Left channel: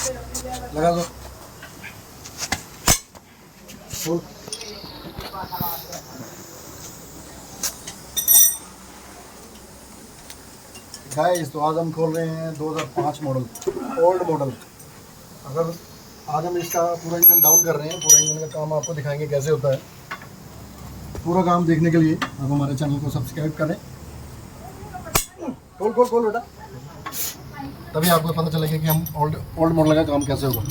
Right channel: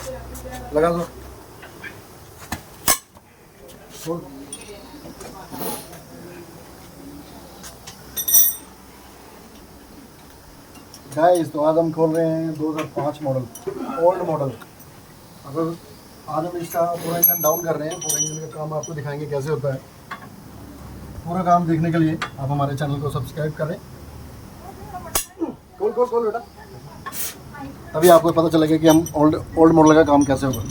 लगा दो full. Guys तो आज हम खोल रहे हैं 2005 मॉडल, ओल्ड मॉडल। अगर आज हम इसका पूरा इंजन डाउन कर रहे हैं, पूरा इंजन का काम आपको दिखाएंगे कैसे होता है। पूरा काम देखने के लिए आप हमारे चैनल को सब्सक्राइब करें। खोल खोल खोल बेटा, तभी आपको पता चलेगा कि हम ओल्ड मॉडल का काम कैसे होगा।